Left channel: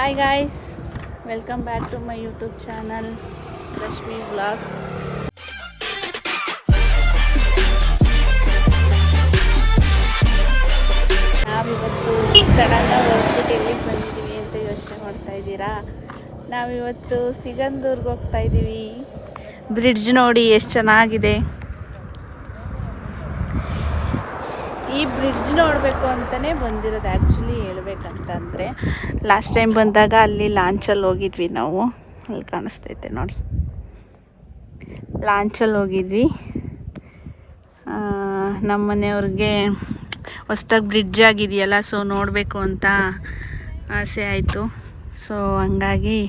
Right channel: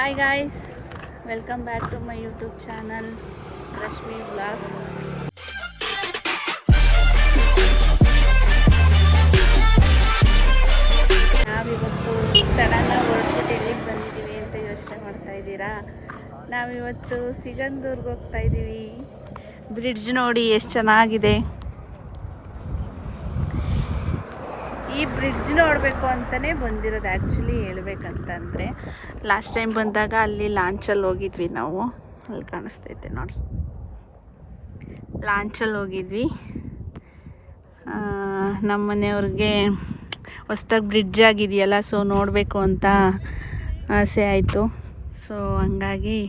Hi guys, welcome back to my YouTube channel Rashmi Vlogs. ನಾವಿವತ್ತು ಸಡನ್ನಾಗಿ ಹೊರಟ್ಬಿಟ್ಟು ಎಲ್ಲಿಗೆ ಬಂದಿದ್ದೀವಿ ಅಂತ ಯೋಚನೆ ಮಾಡ್ತಾ ಇದ್ದೀರಾ? ನಾವಿವತ್ತು ಸಿಗಂದೂರ್ಗೆ ಹೋಗ್ತಾ ಇದ್ದೀವಿ. ಬ್ರಿಡ್ಜ್ ನೋಡಿ ಎಷ್ಟು ಚೆನ್ನಾಗಿದೆ. ಈ ಬ್ರಿಡ್ಜ್ ನೋಡಬೇಕು ಅಂತಲೇ ಬಂದಿರೋದು. ಆ್ಯಕ್ಚುಲಿ ಹೇಳ್ಬೇಕಂತಂದರೆ ಲಾಸ್ಟ್ ಟೈಮ್ ಬಂದಾಗ ಅಲ್ಲಿ ಲಾಂಚಲ್ಲಿ ಹೋಗಿದ್ವಿ ನಾವು. ಅಲ್ಲಿ ಕಾಣಿಸ್ತೈತೆ ನೋಡಿ, ಲಾಂಚಲ್ಲಿ ಹೋಗಿದ್ವಿ. ನಮ್ಮ ಮನೆಯವ್ರಿಗೆ ಹೊಸ್ದಾಗಿ ಬ್ರಿಡ್ಜ್ ಆಗಿದೆಯಲ್ಲ, ಸೊ ನೋಡಬೇಕು ಅಂತ ಆಸೆ ಆಯಿತು. ಸೊ ಹಂಗಾಗಿ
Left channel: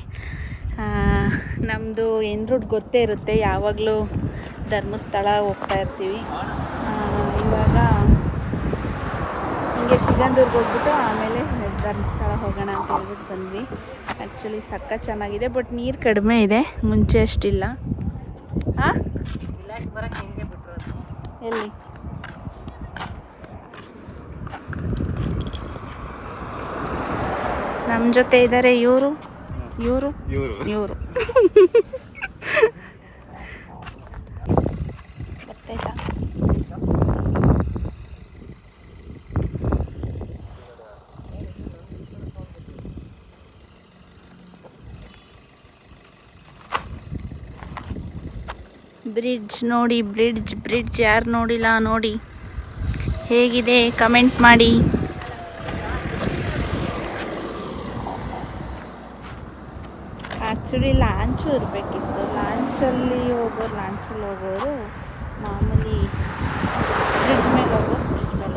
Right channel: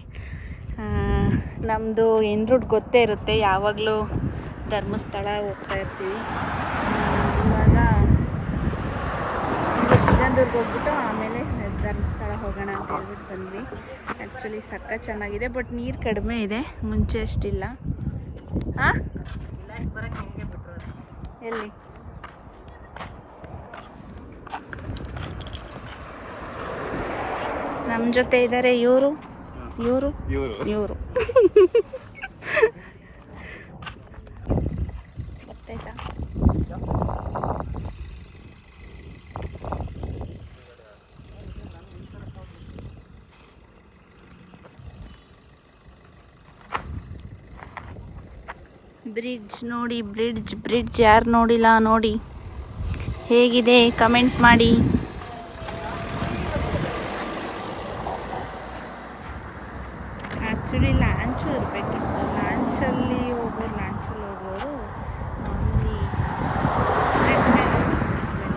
ನಮ್ಮದು ಇನ್ ರೂಟ್ ಗೊತ್ತೇ ಇರುತ್ತೆ, ಯಾವಾಗಲೂ ಧರ್ಮಸ್ಥಳ ಹೋಗ್ತಾ ಇರ್ತೀವಿ. ಇವಾಗ ಹಿಂಗೆ ಸಿಗಂದೂರ್ಗೆ ಹೋಗ್ಬಿಟ್ಟು ಆಮೇಲೆ ಧರ್ಮಸ್ಥಳ ಹೋಗೋಣ ಅಂತ ಹೇಳ್ಬಿಟ್ಟು ಬಂದ್ವಿ. ಆ್ಯಕ್ಚುಲಿ ಸಖತ್ ಚೆನ್ನಾಗಿದೆ, ಬಟ್ ನೀರು ಕಡಿಮೆ ಇದೆ, ಮುಂಚೆ ಅಷ್ಟಿಲ್ಲ. ಹಾಂ, ಎಲ್ಲಿ ನಮ್ಮ ಜೊತೆ ಇದ್ದಾರೆ ಇವರು ಬರ್ತಾಯ್ತಾ? ಬ್ರಿಡ್ಜ್ ನೋಡಿ, ಬ್ರಿಡ್ಜ್ ಯಾರು ನೋಡಿಲ್ಲ ನೋಡಿ, ಹೇಗಿದೆ ಕಮೆಂಟ್ ಮಾಡಿ. ಆ್ಯಕ್ಚುಲಿ ಲಾಂಚು ಇರಬೇಕಿತ್ತು, ಲಾಂಚಲ್ಲಿ ಹೋಗೋರು ಮಾಮೂಲಿ ಬ್ರಿಡ್ಜ್ ಮೇಲೆ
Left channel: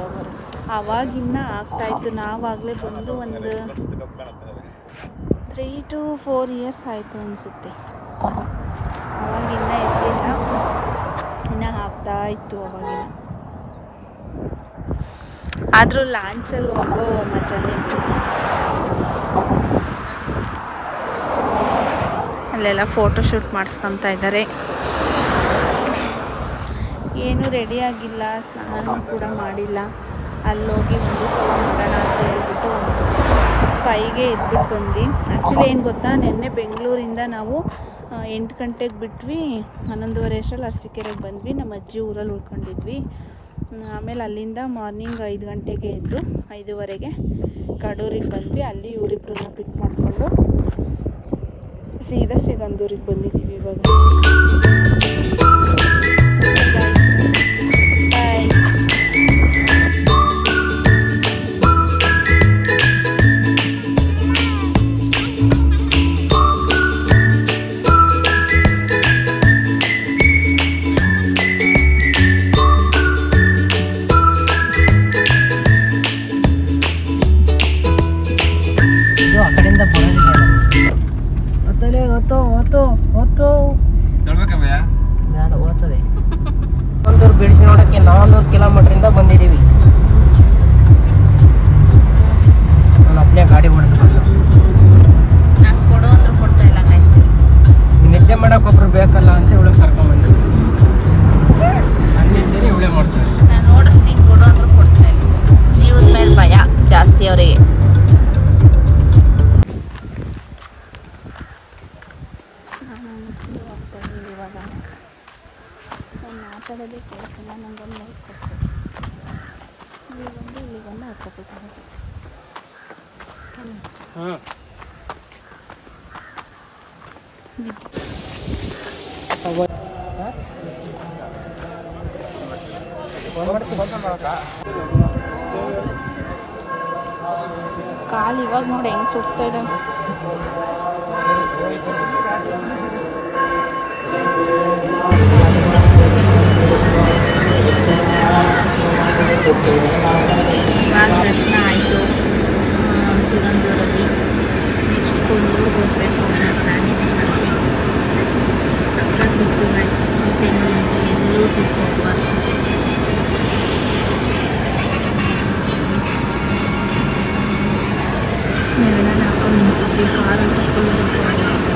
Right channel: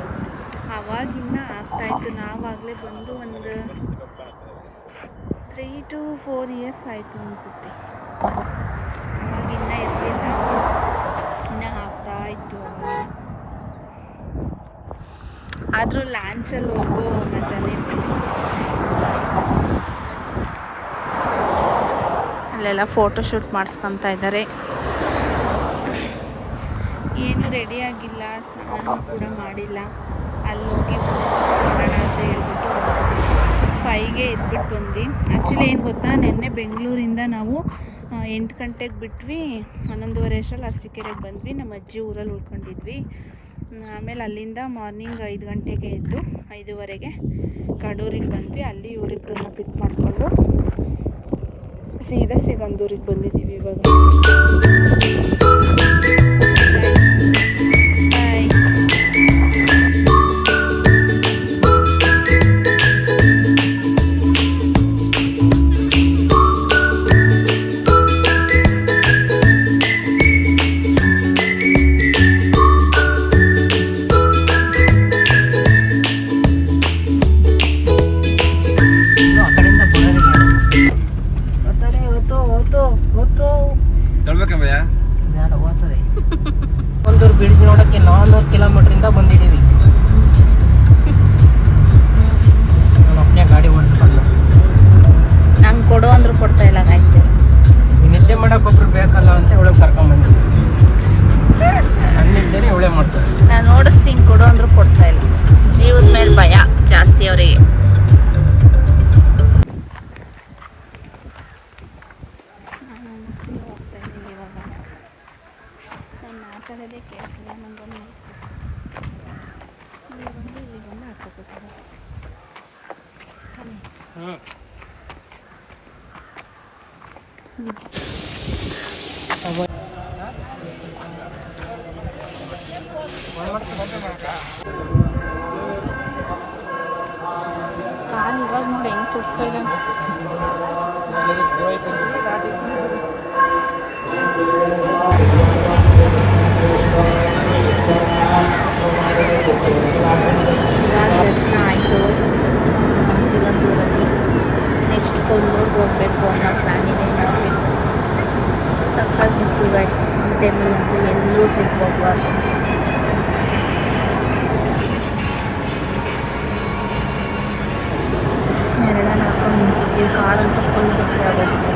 ಹೋಗೋರು. ಆವಾಗಿನ್ನ ಆಗ್ತಾಯಿತ್ತು. ನಾವಾಗಲೇ ಬಂದು ಒಂದು 3 to 4 years ಆಯಿತು ಅನಿಸುತ್ತೆ. ಅವಾಗಿನ್ನ ಇರಲಿಲ್ಲ, ಇನ್ನು ಆಗ್ತಾ ಇತ್ತು ಅವಾಗಿನ. ಆದರೂ ಲಾಂಚಲ್ಲಿ ಹೋಗೋ ಮಜಾನೇ ಬೇರೆ. ಅಲ್ಲೆಲ್ಲ ಫೋಟೋಶೂಟ್ ಮಾಡಿಸ್ಕೊತಾ ಇದ್ದಾರೆ. ಏನೂ ರೆಡಿ ಆಗಿಲ್ಲ, ಸ್ನಾನ ಕೂಡ ಮಾಡಿಲ್ಲ. ಅಲ್ಲೋಗಿ ಒಂದು ಮಾಡೋಣ ಅಂತ ಹೇಳ್ಬಿಟ್ಟು 5ಗೆ ಎದ್ಬಿಟ್ಟು ಬಂದ್ವಿ. ಆ್ಯಕ್ಚುಲಿ ಏನು ಗೊತ್ತಾ, ನಿನ್ನೆ ಬೆಂಗಳೂರಿಂದ ನಾವು 8 ಗಂಟೆಗೆ ಬಿಟ್ವಿ, 11:30 ಅಷ್ಟರಲ್ಲಿ ಅರಸೀಕೆರೆಗೆ ಬಂದ್ವಿ. ನಮ್ಮ ಅಜ್ಜಿ ಊರಲ್ಲಿ ಉಳ್ಕೊಂಡಿದ್ವಿ. ಆಮೇಲೆ ಅಲ್ಲಿಂದ ಮಾರ್ನಿಂಗ್ 5 ಗಂಟೆಗೆ ಎದ್ದು 5:30ಗೆ ಕಡೂರಿಗೆ ಬಂದ್ವಿ. ಅಲ್ಲಿ ಇವರಿಬ್ಬರನ್ನ ಪಿಕ್ ಮಾಡಿಕೊಂಡು ಸೀದಾ ಸಿಗಂದೂರಿಗೆ ಬಂದಿದ್ದೀವಿ ಇವಾಗ. ಸಿಗಂದೂರು ಬ್ರಿಡ್ಜ್ ನೋಡೋಕ್ಕೆ 400 ಕಿಲೋಮೀಟ್ರಿಂದ ಬಂದಿದ್ದೀವಿ. ನಾನು ಒಬ್ಬನೇ ಗಾಡಿ ಓಡಿಸ್ಕೊಂಡು, ನಂಗೆ ಕೊಡು ಅಂದ್ರೂ ಕೊಡ್ತಾ ಇಲ್ಲ. ನಿದ್ದೆ ಮಾಡೋಕೆ ಒಬ್ರು ಬೇಕಲ್ಲ ಅಂತ ಇವಳಿಗೆ ಕರ್ಕೊಂಡ್ಬಂದು ಅಲ್ಲಿದ್ದೇನೆ ಇವಳೇ ಮಾಡ್ತಾರೆ. ನಾನು ಓಡಿಸ್ತೀನಿ, ಕೊಡು ಅಂದ್ರೂ ಕೊಡ್ತಾ ಇಲ್ಲ. ಜೀವದ ಮೇಲೆ ಭಯ ಜಾಸ್ತಿ ಅವರಿಗೆ. ಹೋಗ್ತಾ ಇದ್ದೀವಿ ಇವಾಗ. ನಾನು ಮಾತಾಡೋದೇ ಕೇಳಿಸಲ್ಲ, ನಂಗೊಂದು ಲೈಕ್ ಕೊಡಿಸು. ಇಲ್ಲಿಗೊಂದು ಹಾಕೋಬೇಕು. ಕಾಲು ಇವಾಗ ನೋಡಿ ಹೆಂಗೆ ಸುಡ್ತಾ ಇದೆ. ಇವಾಗ ದರ್ಶನ ಆಯಿತು ಸಿಗಂದೂರಲ್ಲಿ. ನೆಕ್ಸ್ಟ್ ಕೊಲ್ಲೂರಿಗೆ ಹೋಗಬೇಕು ಅನ್ನೋ ಪ್ಲಾನ್ ಇದೆ. ನೋಡಬೇಕು. ಸಕ್ಕತ್ ಬಿಸಿಲು ಗೈಸ್, ಈ ಟೈಮಲ್ಲಿ ಅಂತೂ ಎಲ್ಲೂ ಟ್ರಿಪ್ ಹೋಗುವಾಗ. ನಾವೆಲ್ಲ ಹಾಕೊಂಡು ನಿಂತಿದ್ವಿ, ಕಾಡಂತೂ ಫುಲ್ ಬಸ್ ಆಗೋಗಿದೆ.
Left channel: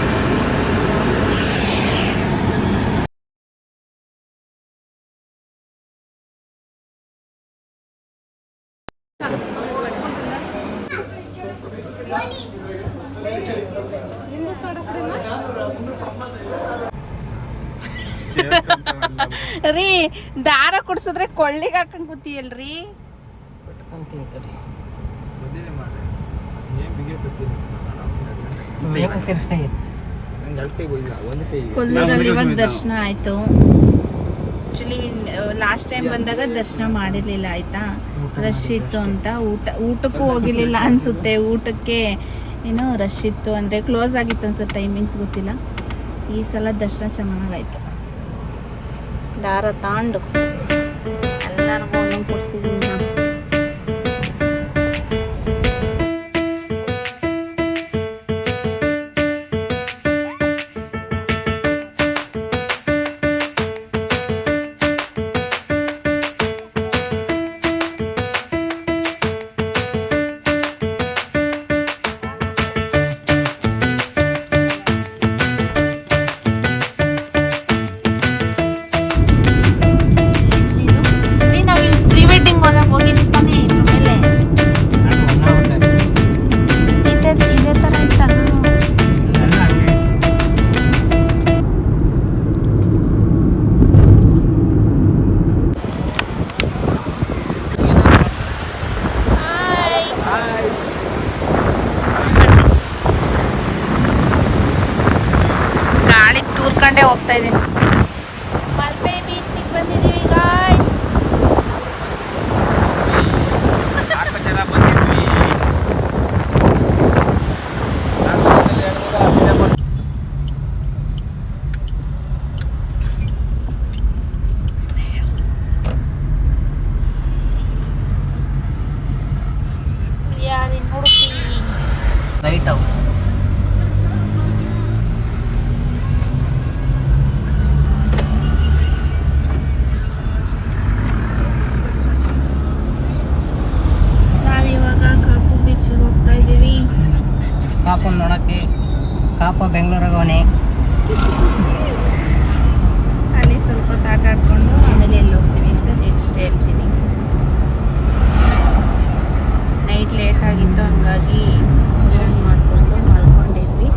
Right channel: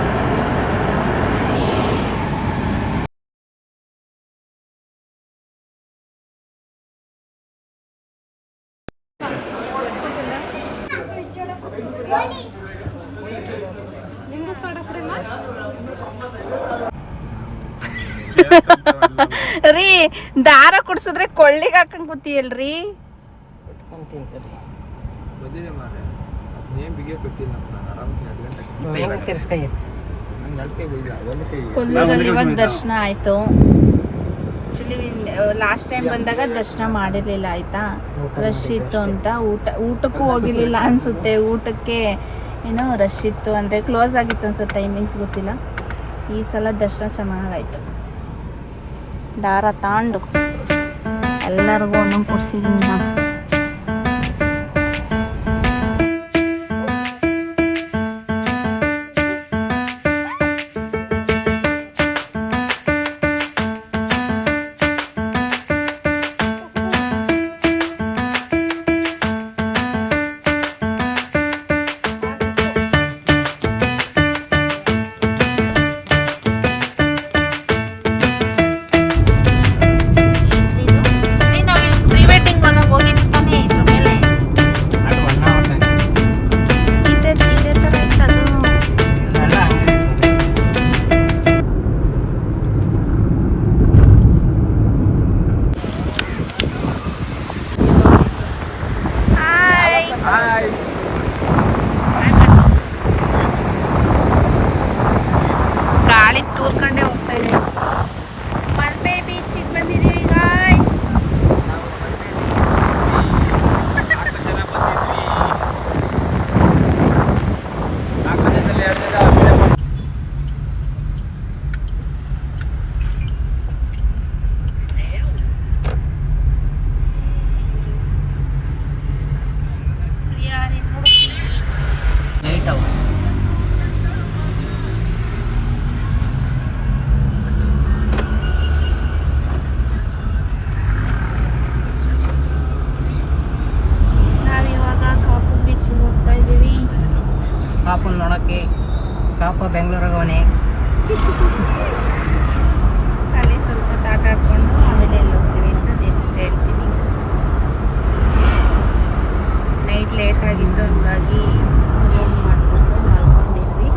ರೀ ದಾರ ಕುಡ್ಸಿದ್ರೆ ಕೊಳ್ಳಿಗೆ ಹಾಕೊಂಡ್ ಕೂತಿಯಲ್ರಿ. ಕೊಲ್ಲೂರಲ್ಲಿ ಇವಾಗ ದರ್ಶನ ಆಯ್ತು. ಆಕ್ಚುಲಿ ಲಾಸ್ಟ್ ಟೈಮ್ ಬಂದಾಗ ದರ್ಶನ ಮಾಡಿರ್ಲಿಲ್ಲ ಆಯ್ತಾ, ರಶ್ ಇತ್ತು ಅಂತ. ಊಟಕ್ಕೂ ಹೋಗಿರ್ಲಿಲ್ಲ ಅನ್ಸುತ್ತೆ. ಊಟಕ್ಕೆ ಏನೋ ರಶ್ ಇತ್ತು ಅಂದರೆ ಕ್ಲೋಸ್ ಆಗಿತ್ತು ಅನ್ಸುತ್ತೆ, ಟೈಮಿಂಗ್ಸ್ ಗೊತ್ತಿಲ್ಲ. ಈ ಸಲ ದರ್ಶನ ಚೆನ್ನಾಗಾಯ್ತು. ದಾರ ತಾಂಡು ಎಲ್ಲರಿಗೂ ಒಂದೊಂದು ಕೊಡ್ಸಿದ್ದೀನಿ ನಾನು. ಗಾಳಿ ತೂರ್ಕೊಂಡೇ ಹೋಗ್ತಾ ಇದೆ. ಮಲ್ಪೆ ಬೀಚಿಗೆ ಬಂದಿದ್ದೀವಿ ಗಾಯ್ಸ್. ಲೈಟ್ ಹೌಸ್ ಹೋಗ್ತಾ ಇದ್ದೀವಿ. ಕಾಪು ನೋಡಕ್ಕೆ. ಕಾಪ ಬೆಂಗಳೂರಿಗೆ ಅಲ್ಲಿ ಸ್ವಲ್ಪ ಆಟ ಆಡ್ಕೊಂಡು ಆಮೇಲೆ ಎಲ್ಲಿ ಹೋಗ್ತೀವಿ ಅಂತ ನೆಕ್ಸ್ಟ್ ಹೇಳ್ತೀನಿ. ನೈಟ್ ಲೇಟ್ ಆಗಿತ್ತು, ಹಂಗಾಗಿ ರೂಮ್ ಮಾಡಿಕೊಂಡು ಮಲ್ಕೊಂಡಿದ್ವಿ.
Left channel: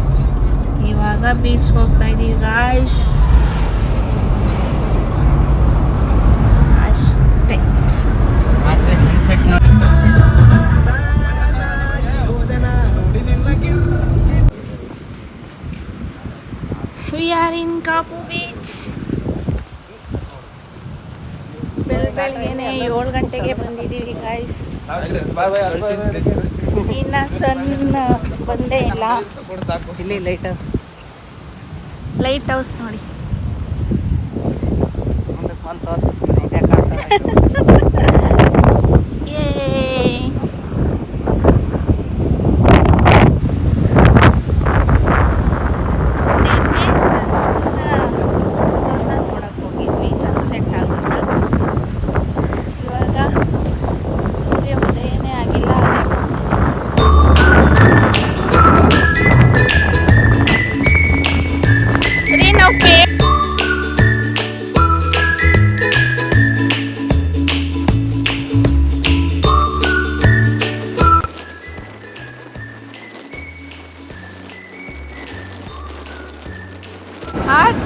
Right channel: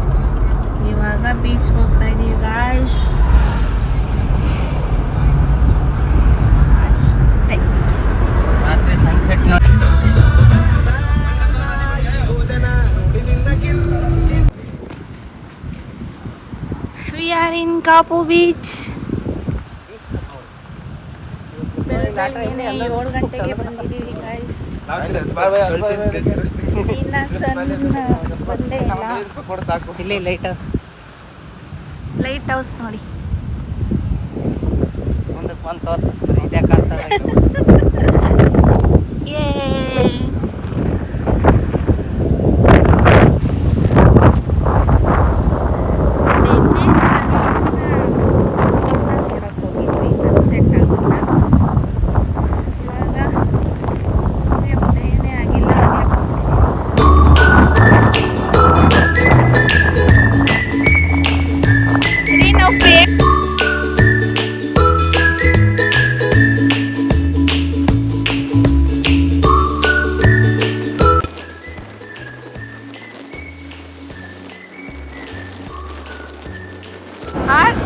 ಇವಾಗ ಬೀಚ್ಗೆ ಹೋಗ್ತಾ ಇದ್ದೀವಿ ಗಾಯ್ಸ್. ಅಷ್ಟೇ. Sunset We are in Kapu beach. ಬೆಳಗ್ಗೆನೆ 7 ಗಂಟೆಗೆ ಬಂದಿದ್ದೀವಿ ಗಾಯ್ಸ್. ಇನ್ನ ಸಣ್ಣ ಬಂದೇ ಇಲ್ಲ. ಇಲ್ಲಿ ಲೈಟ್ ಹೌಸ್. ಲೈಟ್ ಹೌಸ್ ನೋಡಿ.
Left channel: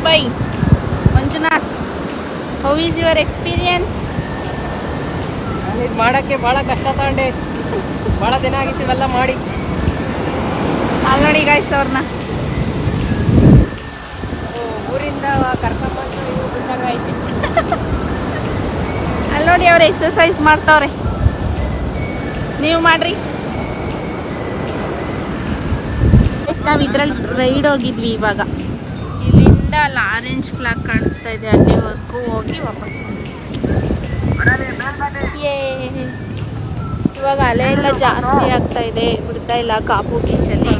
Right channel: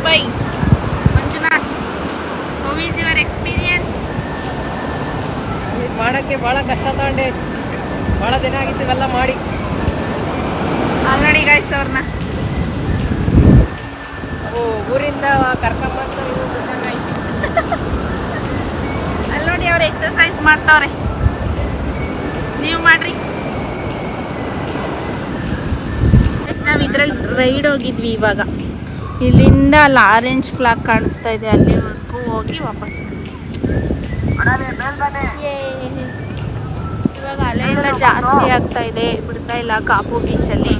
Bye. Manjunath, how is your experience? ಮಾಡಕ್ಕೆ ಭಾಳ ಕಷ್ಟ ತಗೊಂಡೆ. ಭಾಳ ದಿನ ಆಗಿತ್ತು ಇವೆಲ್ಲ ಮಾಡಿ. ಅಲ್ಲಿ ನೋಡಿ ಗಾಯ್ಸ್ ಅವ್ರನ್ನ ಊರಿಂದ ಕರ್ಕೊಂಡ್ಬಂದು ಅಲ್ಲಿ ನೋಡಿ ಅವ್ರು ಎಕ್ಸಸೈಸ್ ಮಾಡ್ತಾವ್ರೆ. ನೀವು ಮಾಡ್ರಿ. ನಾವು ಇದ್ರಲ್ಲಿ ರೈಡ್ ಹೋಗಿದ್ವಿ. ಇವಾಗ ಇಲ್ಲಿಂದ ಅಲ್ಲಿ ಆರೆಂಜ್ ಫ್ಲಾಗ್ ಕಾಣಿಸ್ತಾ ಇದೆ, ಅಲ್ಲಿವರೆಗೂ ಹೋಗಿ ವಾಪಸ್ ಬಂದ್ವಿ. ಇವಾಗ ಅಲೆಲ್ಲ ಜಾಸ್ತಿ ಆಗ್ತಾ ಇದೆ, ಬಿಡ್ತಾ ಇಲ್ಲ ಕಾಪು ಬೀಚಲ್ಲಿ.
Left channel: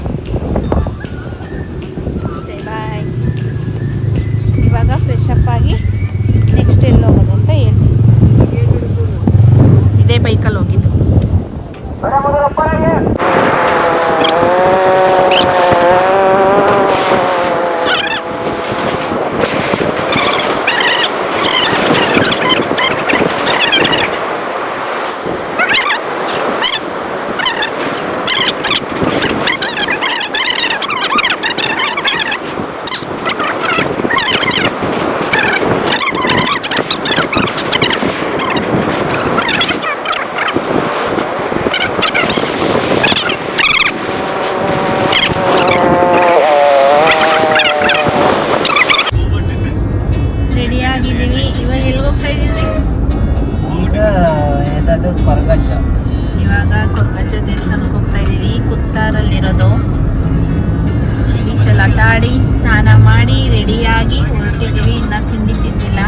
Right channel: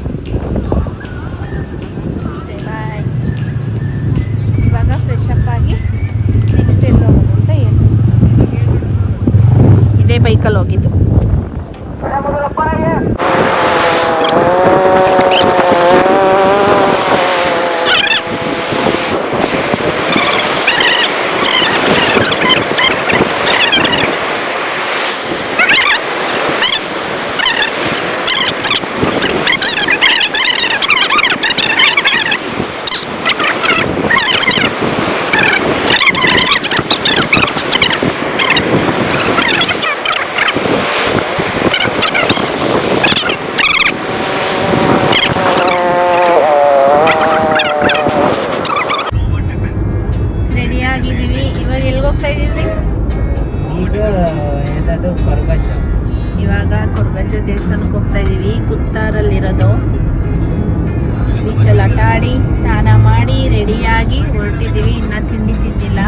ಅಷ್ಟೇ, ಬಾಯ್. ಇವಾಗ ಫ್ರೆಶ್ ಅಪ್ ಆಗಿ ನೆಕ್ಸ್ಟ್ ಎಲ್ಲಿ ಹೋಗೋದು ಅಂತ ಹೇಳ್ತೀನಿ. ಇದೇ ಬೈಕಲ್ಲಿ ಹೋಗಿದ್ದು. ಸ್ನಾನ ಮಾಡಿ ರೆಡಿಯಾಗಿ ಹೊರಟಿದ್ದೀವಿ. ಇನ್ನೂ ತಿಂಡಿ ತಿಂದಿಲ್ಲ,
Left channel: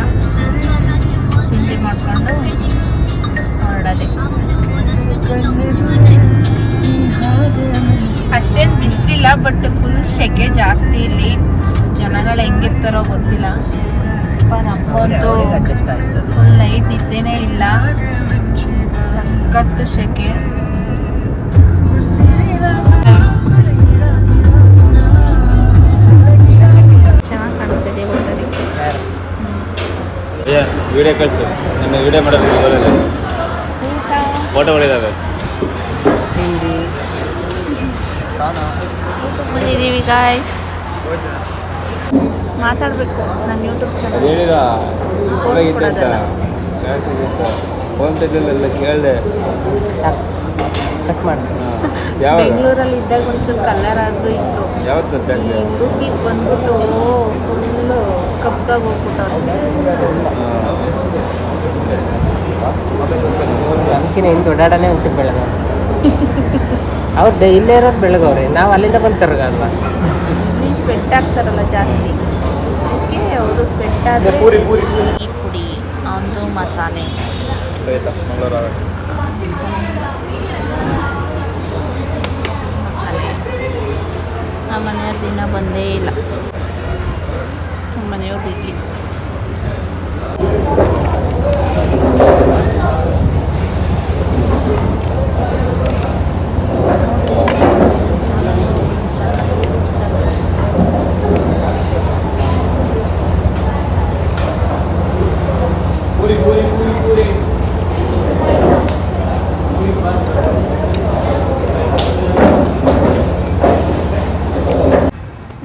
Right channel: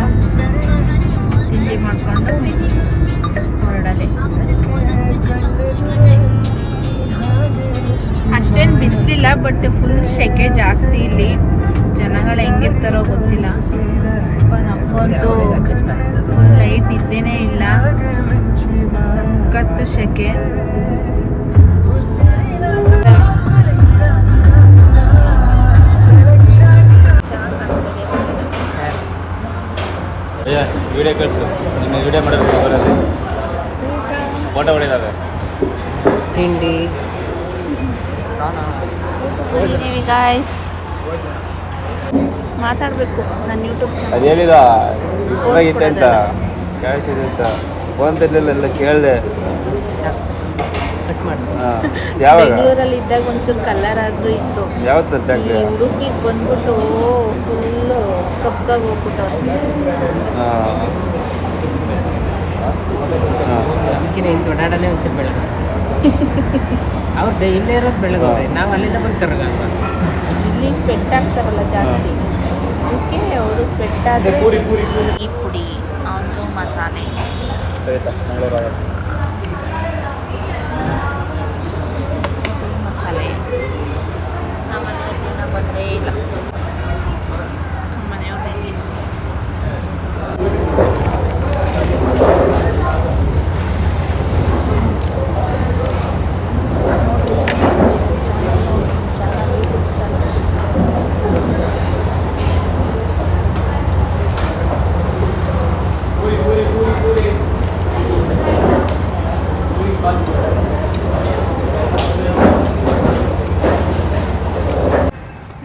ತಿಂಡಿ ಮಾಡಿಕೊಂಡು ಹೊರಡೋದೆ. ಅಷ್ಟೇನು ಬಿಸಿಲಿಲ್ಲ, ಬಟ್ ಫುಲ್ ಸೆಕೆ ಜಾಸ್ತಿ ಇಲ್ಲಿ. ಜನಗಳು ಹೆಂಗಿರ್ತಾರೋ ಗೊತ್ತಿಲ್ಲ. ನಮಗಂತೂ ಫುಲ್ ನೈಟ್ ನಿದ್ದೆನೇ ಇಲ್ಲ, ಸಖತ್ತು ಸೆಕೆ. ವಿಡಿಯೋ ಕಳಿಸು, ನಿಮ್ಮ ವಿಡಿಯೋ ಮಾಡೋದು ಮೊಬೈಲಲ್ಲಿ ಫೋಟೋಗಳಿದ್ದಾವೆ. ತಿಂಡಿ ಬಂದಿದ್ದೀವಿ ಗಾಯ್ಸ್. ಮಾತಾಡಬೇಕು ನನ್ನ ಯೂಟ್ಯೂಬ್ ಚಾನಲ್ ಅದೇನಿಲ್ಲ ಪೋಸ್ಟ್ ಕೊಡೋದಲ್ಲ. ಫೋನ್ ತೆಗೆದಿಲ್ಲ, ಕೇಳಿದೆ. ಕಟ್ ಮಾಡಿ. ಬೆಂಗಳೂರಲ್ಲಿ ಇದ್ದಾಗ ಒಂಚೂರು ಕಲರ್ ಆದರೂ ಇದ್ರು. ಯಾವತ್ತು ಈ ಉಡುಪಿಗೆ ಬಂದ್ಬಿಟ್ಟು ಫುಲ್ಲು ಕಪ್ಪಾಗಿ ಹೋಗ್ಬಿಟ್ಟವ್ರು. ಅದಕ್ಕಿಂತ ಇಲ್ಲಿ ಓಡಾಡಲೇ ಒಂಚೂರು ಬೆಳಗವ್ರೆ. ಅವ್ರು ಇಲ್ಲೇ ಇರೋದು ಬೆಳಗವ್ರೆ, ನಾವು ಅಲ್ಲಿಂದ ಬಂದು ಕರ್ಗಲ್ವ. ಇಲ್ಲಿ ಸ್ವೆಟ್ ಆಗ್ತಾರಲ್ಲ ಜಾಸ್ತಿ, ಅದಕ್ಕೆ ಅವರು ಸ್ವೆಟ್ ಆದರೆ ಈ ಪುಡಿ ಅವನದು ಮಸಾಲೆ ಮಂಗಳೂರು ಮಸಾಲೆ ನಮ್ಮನೆ ದಿನ ಬಂದೇ ಇಲ್ಲ. ಮನೆಯವ್ರು ಬಿಡ್ಲಿ.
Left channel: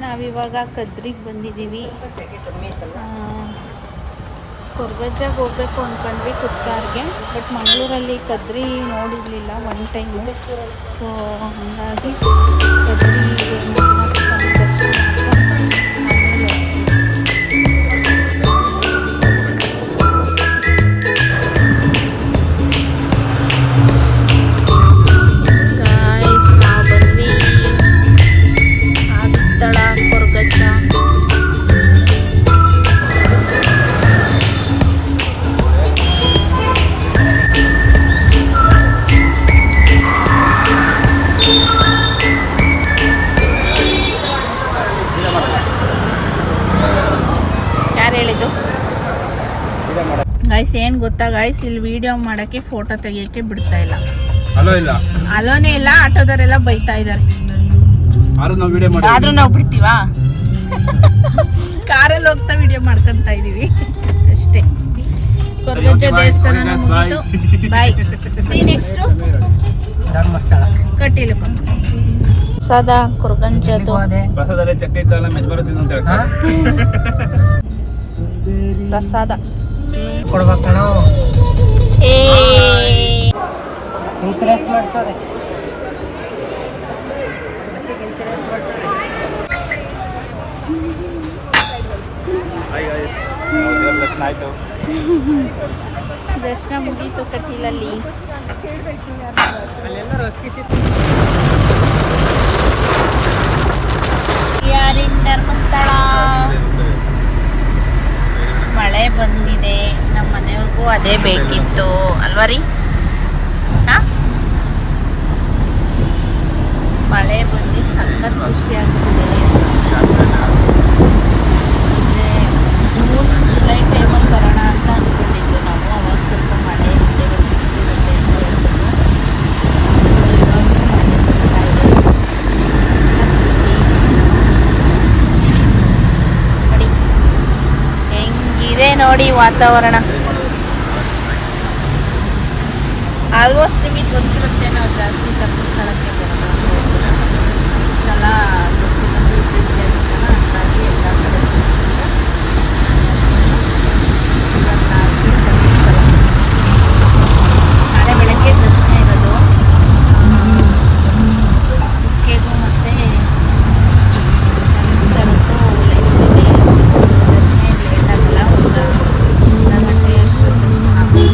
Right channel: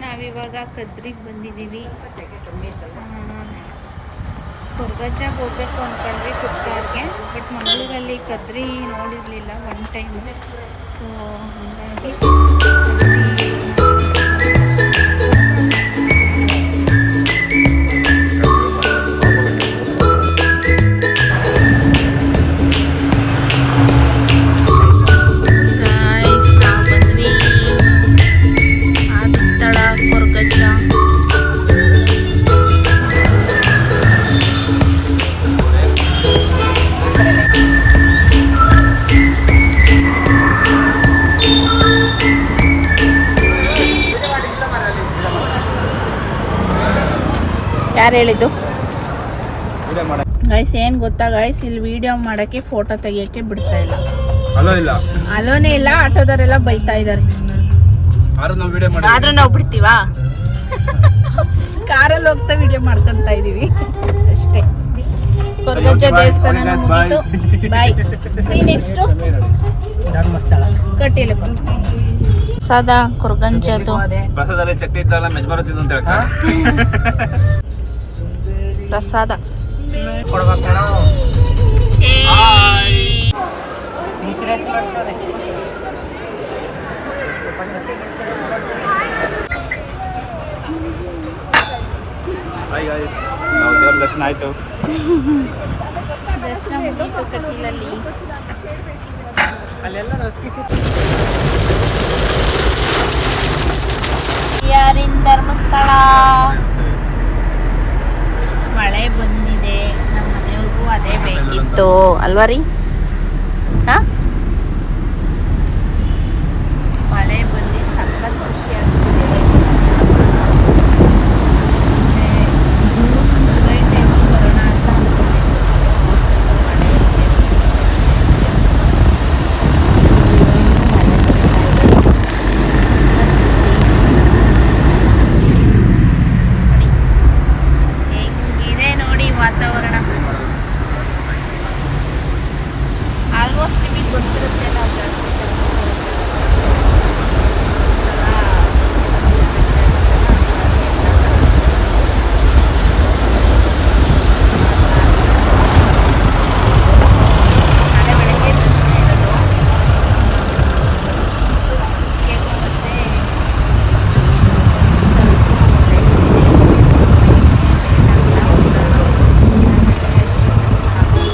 ನಾವಿವಾಗ ಕದ್ರಿಗೆ ಬಂದಿದ್ದೀವಿ. ಕೊರ್ಗಜ್ಜಾಗ ಹೋಗ್ಬೇಕು ಅಂದ್ಕೊಂಡ್ವಿ ಕುತ್ತಾರ್ಗೆ, ಬಟ್ ಮಂಗಳೂರಲ್ಲಿ ಕದ್ರಿ ನೋಡಿರಲಿಲ್ಲ ಒನ್ ಟೈಮು. ಸೊ ಹಾಗಾಗಿ ನಾವು ಬಂದ್ವಿ ಆದ ಸ್ಥಳ ಕೊರ್ಗಜ್ಜ. ಯಾರು ಹೇಳಿದ್ದು ಗೈಸ್? ಏನು ಗೊತ್ತಾ ಗೈಸ್, ಇಲ್ಲಿ ವಿಡಿಯೋ ಮಾಡೋಕ್ಕೆ ಫೋಟೋ ತೆಗಿಯೋಕ್ಕೆ ಬಿಡ್ತಾ ಇಲ್ಲ. ಅಲೋನೇ ಇಲ್ಲ, ಆಟೋದವರೆಲ್ಲ ಬೈತಾ ಇದ್ದಾರೆ. ಆದ್ರೂ ನಾವು ಬಿಡ್ತೀವಾ? ಕಾರಲ್ಲಿ ಹೋಗ್ತಾ ವಿಡಿಯೋ ಮಾಡ್ಕೊಂತ ಇದೀವಿ ಅಷ್ಟೇ. ಕೊರ್ಗಜ್ಜ ದೇವಸ್ಥಾನ ಮುಗೀತು. ಬಾಯ್. ನೆಕ್ಸ್ಟ್ ಕಟ್ಟಿಲ್ಲ ಸದಾ ಕೊರ್ಗಂಜದು ಪ್ರಸಾದದಲ್ಲಿ ಚಟ್ನಿ ಇತ್ತಲ್ಲ, ಮೆಜ್ಬಾರ ತಿಂದು ಅಂತ ಹೇಳ್ತಾರೆ. ಪ್ರಸಾದ ಕೊಡ್ಬೇಕು ನಾವು. ಏ ಇನ್ಸೂರೆನ್ಸ್ ಮಾಡಿಸೋರಿ. ದರ್ಶನ ಆಯ್ತು. ದರ್ಶನ ಮುಗೀತು ಕಟೀಲಲ್ಲಿ. ಧರ್ಮಸ್ಥಳ ಮಳೆ ಬಂದಿದೆ. ನಮ್ಮ ಮನೆಯವ್ರಿಗೂ ಅದೇ ಬೇಕಿತ್ತು ಅಲ್ವಾ ರೀ? ಮಳೆ ಬಂದು ಸಖತ್ ಖುಷಿ ಆಗ್ತಿದೆ. ಜೂನ್ ಜುಲೈ ಟೈಮಲ್ಲಿ ಬರೋಣ ಅಂತ ಅಂದ್ಕೊಂಡಿದ್ವಿ ನಾವು. ಅವಾಗ ಸ್ವಲ್ಪ ಮಳೆ ಇದೆ. ಹೆಂಗಿದೆ ನೋಡಿ ವಾತಾವರಣ. ಆಲ್ಮೋಸ್ಟ್ ನಿಮಗೆ ಗೊತ್ತಿರುತ್ತೆ, ನಾವು ಜಾಸ್ತಿ ಧರ್ಮಸ್ಥಳಕ್ಕೆ ಬರೋದು ಎಲ್ಲ ಬಂದು ಬ್ರಿಡ್ಜ್ ಆಗಿತ್ತಲ್ಲ, ಹಾಗಾಗಿ ಎಲ್ಲ ಕಡೆ ನಾಳೆ ಬೆಳಗ್ಗೆ ದರ್ಶನ ಇರೋದು. ಕುಕ್ಕೆಗೂ ಮತ್ತು ಧರ್ಮಸ್ಥಳಕ್ಕೂ ದರ್ಶನ ಲೇಟಾಗಲ್ಲ, ಒಂದು ಅರ್ಧ ಗಂಟೆ ಅಷ್ಟು ಆಗುತ್ತೆ.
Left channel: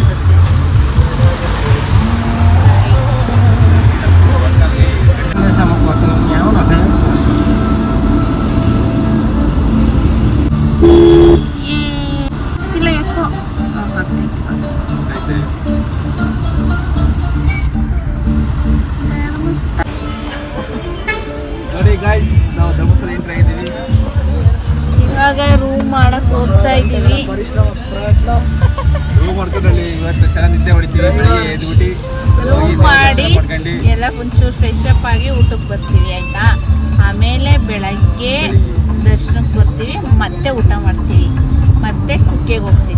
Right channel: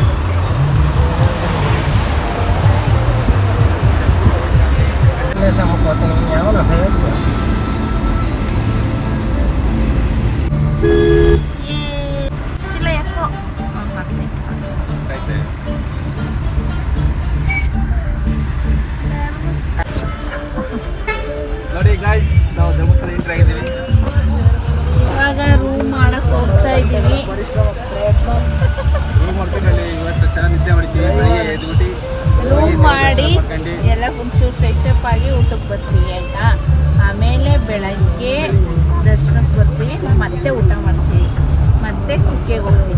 ನಾವು ಧರ್ಮಸ್ಥಳ ಎಂಟ್ರಿ ಆಗಿದ್ದೀವಿ. ಇವಾಗ ರೂಮ್ ಮಾಡಕ್ ಹೋಗ್ತಾ ಇದ್ದೀವಿ. ರೂಮ್ ಮಾಡ್ಕೊಂಡ್ರಲ್ಲಿ ಇವತ್ತು ಚೆನ್ನಾಗಿ ನಿದ್ದೆ ಹೊಡಿತೀವಿ. ಡ್ಯೂಟಿ ರೂಮ್ ಮಾಡಿ ಎಲ್ಲ ಒಂಚೂರು ಫ್ರೆಶ್ ಅಪ್ ಆಗಿ ಊಟಕ್ಕೆ ಬರ್ತೀವಿ ಆಯಿತಾ. ಆಮೇಲೆ ಬೆಳಗ್ಗೆ ದರ್ಶನಕ್ಕೆ ಬರ್ತೀವಿ, ಮತ್ತೆ ಊಟ ಮಾಡ್ತೀವಿ, ಮತ್ತೆ ಕುಕ್ಕೆಗೆ ಹೋಗ್ತೀವಿ.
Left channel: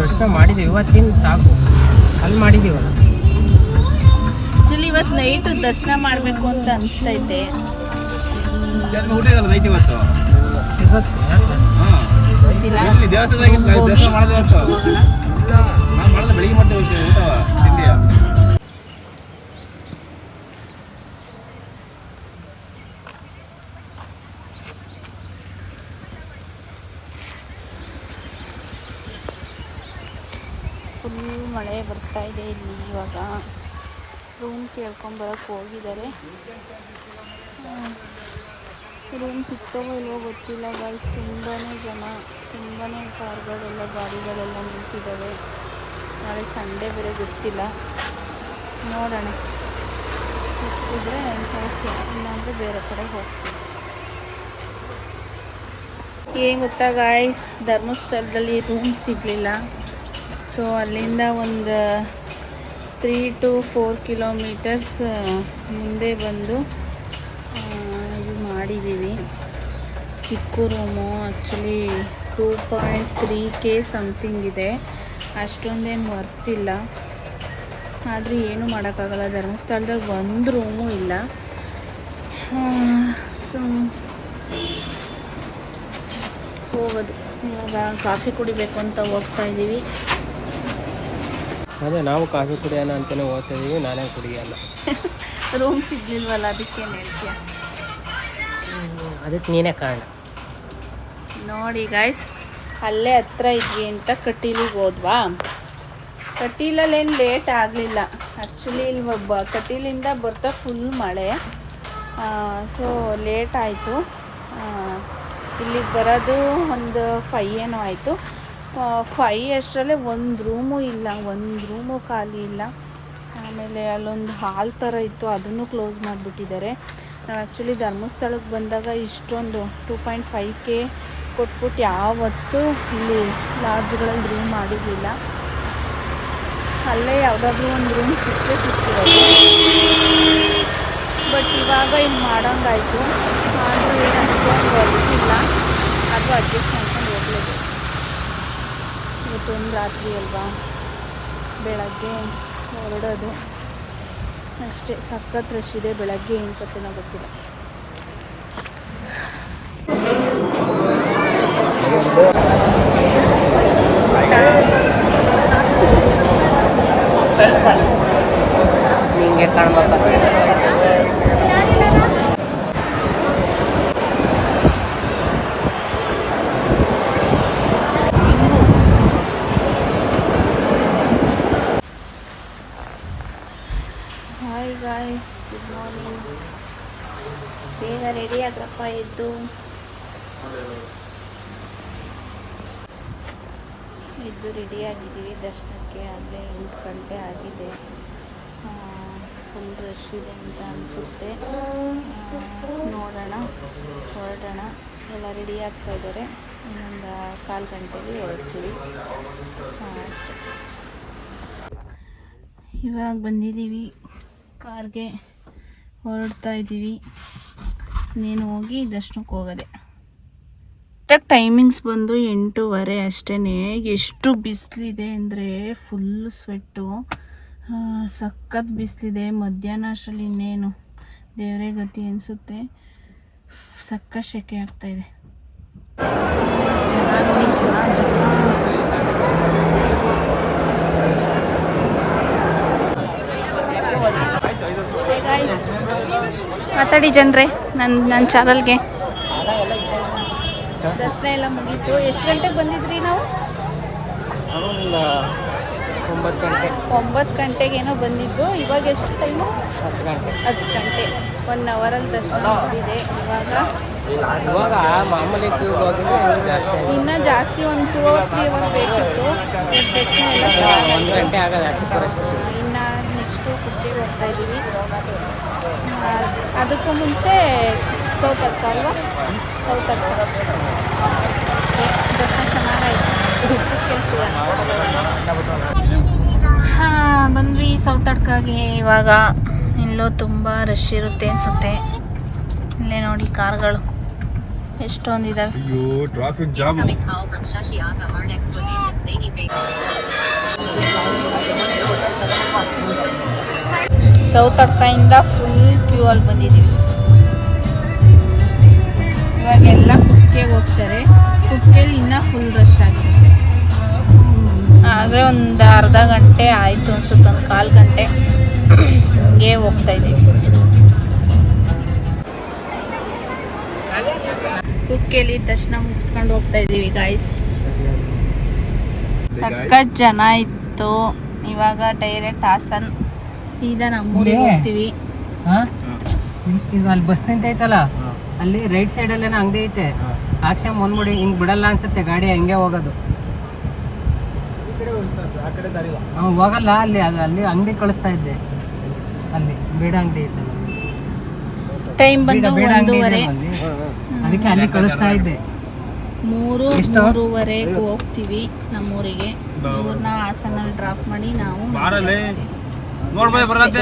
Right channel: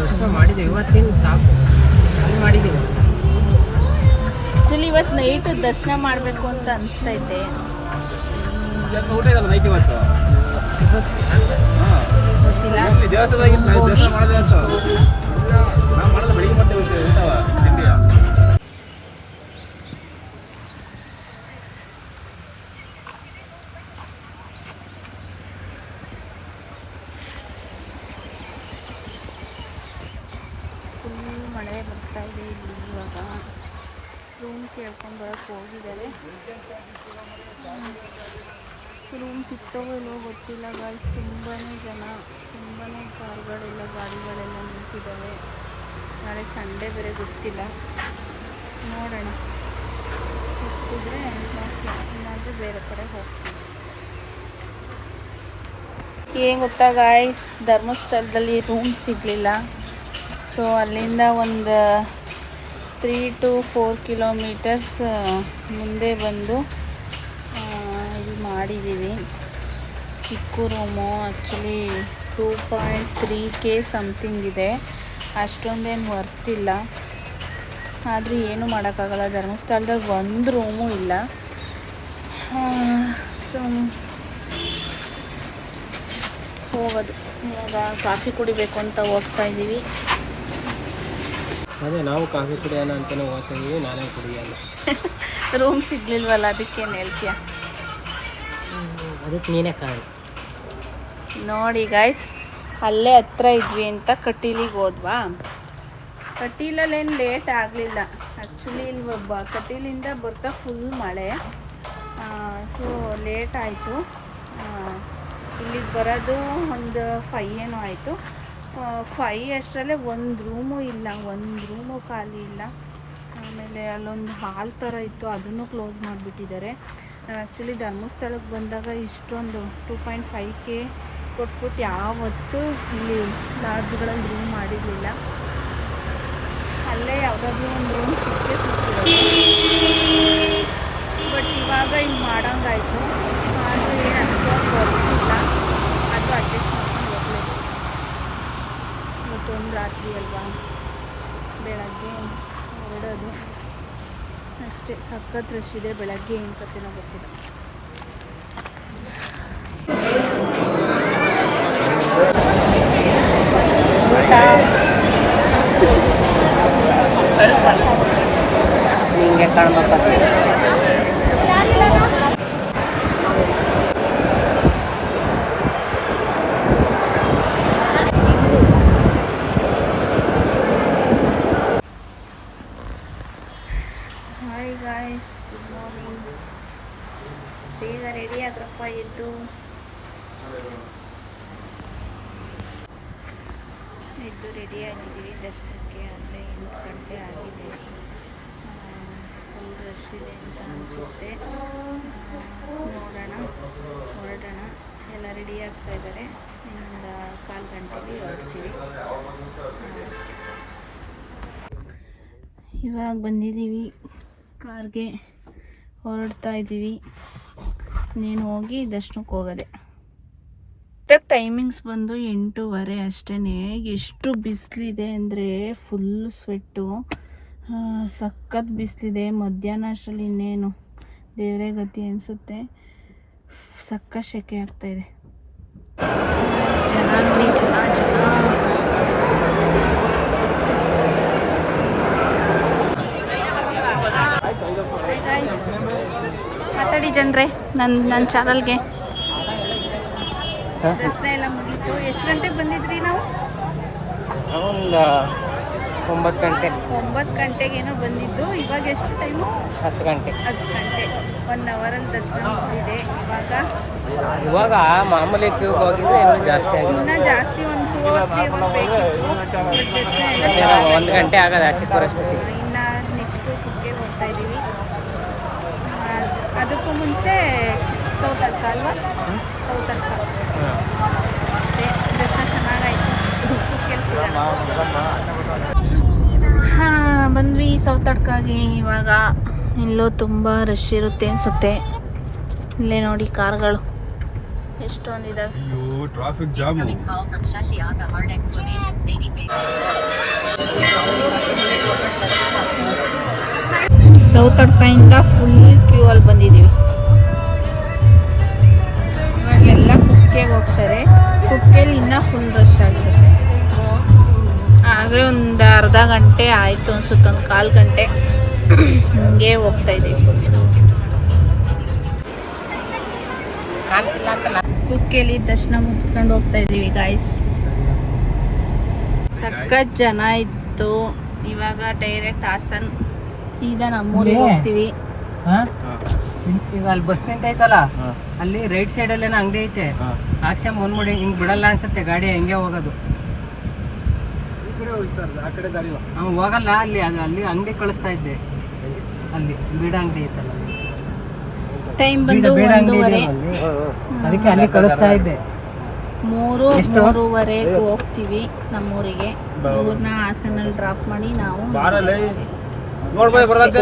ದರ್ಶನ ಮಾಡಿದ್ದೀವಿ, ಇವತ್ತೇನು ಸಾಕು ಅಲ್ಲಿ ಮಾಡಿದ್ದೀವಿ. ಆ್ಯಕ್ಚುಲಿ ಇವತ್ತು ನೈಟು ದರ್ಶನ ಮಾಡಬೇಕು ಅಂತ ಅನಿಸ್ತೈತೆ. ಊಟ ಇದಲ್ಲ ನೈಟ್ ಇವತ್ತು. ಗೊತ್ತಿಲ್ಲ. ಇಲ್ಲಿ ದೇವಸ್ಥಾನದಾಗಿಲ್ಲ ದರ್ಶನ ಮಾಡಿದ್ರೆ ಇವತ್ತು. ನಾವು ಮಾಡಿದ್ರೆ ಬೆಳಿಗ್ಗೆ ಮಾಡ್ತೇವೆ ಊಟ ತಿಂಡಿ. ಫುಲ್ ಮಳೆ ಬರ್ತಾ ಇದೆ ಇಲ್ಲಿ. ಇವಾಗ ರೂಮ್ ಕೇಳ್ಕೊಂಬರಕ್ಕೆ ಹೋಗಿದ್ದಾರೆ. ರೂಮ್ ಸಿಗ್ತಾವೋ ಇಲ್ವೋ ಗೊತ್ತಿಲ್ಲ ಗಾಯ್ಸ್. ತುಂಬಾ ಜನ, ತುಂಬಾ ಕಾರ್ಗಳೆಲ್ಲ, ಗಾಡಿಗಳೆಲ್ಲ ನಿಂತಿದ್ದಾವೆ. ನಾಳೆ ಸಂಡೇ ಬೇರೆ, ಗೊತ್ತಿಲ್ಲ, ನೋಡೋಣ. ಸಿಕ್ಕಿದ್ರೆ ಓಕೆ, ಇಲ್ಲಾಂದರೆ ಬೇರೆ ಕಡೆ ಹೋಗ್ತೀವಿ. ಏನು ಗೊತ್ತಾ ಗಾಯ್ಸ್, ಧರ್ಮಸ್ಥಳದಲ್ಲಿ ರೂಮ್ ಸಿಗಲಿಲ್ಲ. ಸೊ ಅಲ್ಲಿಂದ ಒಂದು 3 to 4 ಕಿಲೋಮೀಟರ್ಸ್ ಮುಂದೆ ಬಂದು ಇದು ಮಾಡಿದ್ದೀವಿ. ಚಿಕ್ಕ ರೂಮು, ಆ್ಯಕ್ಚುಲಿ 2.3K ಸಮಥಿಂಗ್ ಇದೆ. ಅಷ್ಟೊಂದೇನು ವರ್ತಿಲ್ಲ. ಆದರೆ ಏನೂ ಮಾಡೋಕ್ಕಾಗಲ್ಲ, ಧರ್ಮಸ್ಥಳದಲ್ಲಿ ಒಂದು ರೂಮು ಇಲ್ಲ. ಸೊ ಹೋಗೋದು. ಇವಾಗ ಕಾಫಿ ಕುಡಿಬೇಕು ಅಂತ ಹೋಗ್ತಾ ಇದ್ದೀವಿ. ಅದೇ ನಾವು ಕಾಫಿ ಕುಡಿಯೋಣ ಅಂತಲೇ ಹೋಗ್ತಾ ಇದ್ದೀವಿ, ನಾನೇ ಕುಡಿಯಲ್ಲ. ರೂಮ್ ಸಿಗ್ಲಿಲ್ವಲ್ಲ, ಅದಕ್ಕೇನು ಹೇಳ್ತೀಯ? ಅದಕ್ಕೆ ನೀನೇ ಕಾರಣ. ನೋಡಿ ಗಾಯ್ಸ್, ಅಲ್ಲೇ ಹತ್ರ ಇದ್ವಿ ಅಂತ ಕಟೀಲಿಗೆ ಹೋದ್ವಾ. ಕಟೀಲಲ್ಲೇನು ಲೇಟ್ ಆಗಲಿಲ್ಲ. ಆ್ಯಕ್ಚುಲಿ ಇಲ್ಲಿ ಕಟೀಲಿಂದ ಬರ್ತಾ ಫುಲ್ ಮಳೆ. ಸೊ ಲೇಟ್ ಆಯಿತು. ಇಲ್ಲಿಗೆ ಬರೋದು ಒಂದು 5 ಏನೋ ಆಯಿತು. 5 ಅಷ್ಟರಲ್ಲೇ ಒಂದು ರೂಮು ಇಲ್ಲ, ಒಂದು ರೂಮು ಖಾಲಿ ಇಲ್ಲ. ಆಮೇಲೆ ಅಲ್ಲೊಂದು ಹಾಲ್ ಥರ ಇತ್ತು, ಅದನ್ನು ಕ್ಲೋಸ್ ಮಾಡಿಬಿಟ್ಟಿದ್ದಾರೆ. ನಾವು ಆ್ಯಕ್ಚುಲಿ ಧರ್ಮಸ್ಥಳಕ್ಕೆ ಬಂದಾಗ ಇಷ್ಟೊಂದು 2.5K ಕೊಟ್ಬಿಟ್ಟು ಯಾವತ್ತೂ ಇಲ್ಲಿ ಲಾಡ್ಜ್ಗಳಲ್ಲಿ ರೂಮ್ ಮಾಡಿರಲಿಲ್ಲ. ಅಲ್ಲೇ ಯಾವುದಾದ್ರೂ ಒಂದು ರೂಮ್ ಸಿಕ್ಕಿರೋದು. ಬಟ್ ಇವಾಗ ಇಲ್ಲಿ ಮಾಡೋಂಗಾಯ್ತು. ಆದರೂ ಏನು ಅಷ್ಟೊಂದು ಗೊತ್ತಿಲ್ಲ, ಅದು ಅಡ್ಜಸ್ಟ್ ಮಾಡ್ಕೊಂಡು ಹೋಗಲೇಬೇಕು. ಇವತ್ತೊಂದು ರಾತ್ರಿ ಅಲ್ವಾ, ಬೆಳಗ್ಗೆ ಹೊರಡೋದು ಅಷ್ಟೇ. ಸಖತ್ ರಶ್ ಇದೆ. ಬೆಳಗ್ಗೆ ಏನು ಕತೆನೋ ಗೊತ್ತಿಲ್ಲ. ಹಿಂಗೆ ಕಾಣ್ಬೇಕು. Hi guys, good morning. ಬೇಗ ರೆಡಿ ಆಗ್ರಪ್ಪ, ಎದ್ದು ರೆಡಿಯಾಗಿದ್ದೀವಿ ದರ್ಶನಕ್ಕೆ. ಆಗಲೇ 8 ಗಂಟೆ ಆಗಿದೆ. ಫುಲ್ ರಶ್ ಇದೆ ಅಂತ ಅನಿಸುತ್ತೆ. ನೋಡೋಣ, ಹೊರಡೋಣ. ಎಲ್ಲ ರೆಡಿ ಆಗ್ತಾ ಇದ್ದಾರೆ. ಇನ್ನೊಂದು 1/4 ಗಂಟೆಗೆ ಹೊರಡ್ತೀವಿ ಅಷ್ಟೇ. ಇವಾಗ ಬಂದಿದ್ದೀವಿ, ಕಾರ್ಗೆ ಹೊರಡ್ತಾ ಇದ್ದೀವಿ. ನೀನು ಹೋಗಿ ದರ್ಶನಕ್ಕೆ ಹೋಗೋದೆ. ಟೈಮಿಂಗ್ಸ್ ಬಂದು 8:30 ಅಷ್ಟೇ. ಎಷ್ಟು ಬಿಸಿಲಿದೆ ಅಂದರೆ ಫುಲ್ ಸ್ವೆಟ್ಟು, ಸಖತ್ ಬಿಸಿಲಿದೆ. ಮಧ್ಯಾಹ್ನ ಅಷ್ಟರಲ್ಲಿ ಇನ್ನೇನು ದೇವರೇ ಗತಿ ಅನಿಸುತ್ತೆ. ಸಖತ್ ಸೆಕೆ ಆಗ್ತಾಯಿದೆ. ಜನ ನೋಡಿ, ಜನ ಮಾತಾಡಿ ಜನರೇ ನನ್ನ ಚಾನಲ್ಗೆ. ದರ್ಶನ ಎಲ್ಲ ಮುಗೀತು. ಎಷ್ಟು ಗಂಟೆಗೆ ಬಂದಿದ್ರಿ ನಾವು? 9 ಗಂಟೆ. 9 ಗಂಟೆಗೇನೋ ಬಂದಿದ್ದು. ಇವಾಗ ಎಷ್ಟು ಟೈಮು? 10 ಗಂಟೆ. 10 ಗಂಟೆ. 1 ಅವರಲ್ಲಿ ದರ್ಶನ ಮುಗಿದಿದೆ. ಇವಾಗ ಮಾಮೂಲಿ ಹೋಗಿದ್ರೆ ಇನ್ನೂ ಜಾಸ್ತಿ ಆಗಿದೆ. ಇನ್ನೂ ಜಾಸ್ತಿ, ಒಂದು 2 or 3 ಅವರ್ ಬೇಕಿತ್ತು. ಬಟ್ ದರ್ಶನ ಎಲ್ಲ 1 ಗಂಟೆ ಆಗೋದು ಆಚೆ ಬರೋಷ್ಟೊತ್ತಿಗೆ. ಇನ್ನು ನೆಕ್ಸ್ಟು ಕುಕ್ಕೆಗೆ ಹೋಗ್ತಾ ಇದ್ದೀವಿ. ಅದಕ್ಕೂ ಮುಂಚೆ ಸೌತಡ್ಕ ಅಲ್ವಾ, ಸೌತಡ್ಕ ಅಷ್ಟೇ. ದರ್ಶನ ಚೆನ್ನಾಗಾಯಿತು. ಕೆಲಸಿಲ್ಲ. ಹಾಂ, ಬಂದ್ವಿ ಸೌತಡ್ಕಾಗೆ. ಇವಾಗ ಇಲ್ಲೂ ತುಂಬ ರಶ್ ಇರುತ್ತೆ ಅನಿಸುತ್ತೆ. ಇಲ್ಲೇ ನೋಡಿ ಕಾರ್ಗಳು ಎಷ್ಟೊಂದಿದ್ದಾವೆ. ಅಯ್ಯೋ ಟ್ರಾಫಿಕ್ ಜಾಮು. ಸೌತಡ್ಕದಿಂದ ಫುಲ್ ಕ್ಯೂ ಅಲ್ಲಿ ಬಂದಿದ್ದೀವಿ. ಇವಾಗೆಲ್ಲ ಕುಕ್ಕೆಗೆ ಹೋಗ್ತಾರೆ. ಕುಕ್ಕೆಲಿ ಇನ್ನೂ ಫುಲ್ ರಶ್ ಆಗಿರುತ್ತೆ. ಆಗಲೇ ಒಂದು ಅರ್ಧ ಗಂಟೆ ಆಯಿತು ಅನ್ಸುತ್ತೆ, ಒಂದು 1/4 ಗಂಟೆ ಹಿಂಗೆ ಹೋಗ್ತಾ ಇದ್ದೀವಿ. ಕುಕ್ಕೆಲಿ ದರ್ಶನ ಮುಗಿಸ್ಕೊಂಡು ಹೋಗ್ತಾ ಇದ್ದೀವಿ ಗಾಯ್ಸ್. ಸಖತ್ ಜನ ಇತ್ತು. ಇವಾಗ ಡೈರೆಕ್ಟ್ ಹಾಸನ್ ಸೀದಾ ನಮ್ಮೂರಿಗೆ ಹೋಗ್ತೀವಿ. ಈಗ ಅಲ್ಲಿ ಬಸ್ ನಿಂತೈತಲ್ಲ, ಅಲ್ಲಿ ರೈಟ್ ಸೈಡ್ ಅಲ್ಲೇನೋ ಅಂಗಡಿ ಐತೆ. ಆಕ್ಷೆ ಮುಂದ್ಬಿಡಿ, ಹಿಂಗ್ ಬಿಡಲ್ಲ ಅನ್ಸುತ್ತೆ ಗಾಡಿ, ಹಂಗೆ ಹೋಗೋದು. ಹೋಗಲ್ಲ ಅಲ್ಲಿ, ಅದು ಅಲ್ಲಿ ಅಂಗಡಿ ಕಳಿಸ್ತಾ ಇದ್ದೆ. ಅಲ್ಲಿ ಬೀಡ ಅಂಗಡಿ ಐತಲ್ಲ, ಟೈಮ್ ಬಂದು ಬೀಡ ಅಂಗಡಿ 1:30. ಇದೆಯಲ್ಲ ಅಲ್ಲಿ, ಅದಕ್ಕೆ ಅಲ್ಲಿ ಕಳಿಸ್ತಾ ಇದ್ದೆ. 3:03ವರೆಗೆ ಹೋಗ್ತೀವಿ ನಮ್ಮೂರಿಗೆ. ಇವ್ರನ್ನ ಹಾಸನಲ್ಲಿ ಡ್ರಾಪ್ ಮಾಡಿ ನಾವು ಬಾರಲ್ಲಿ ನೋಡ್ಬಾಯ್ ಬರತ್ತೆ.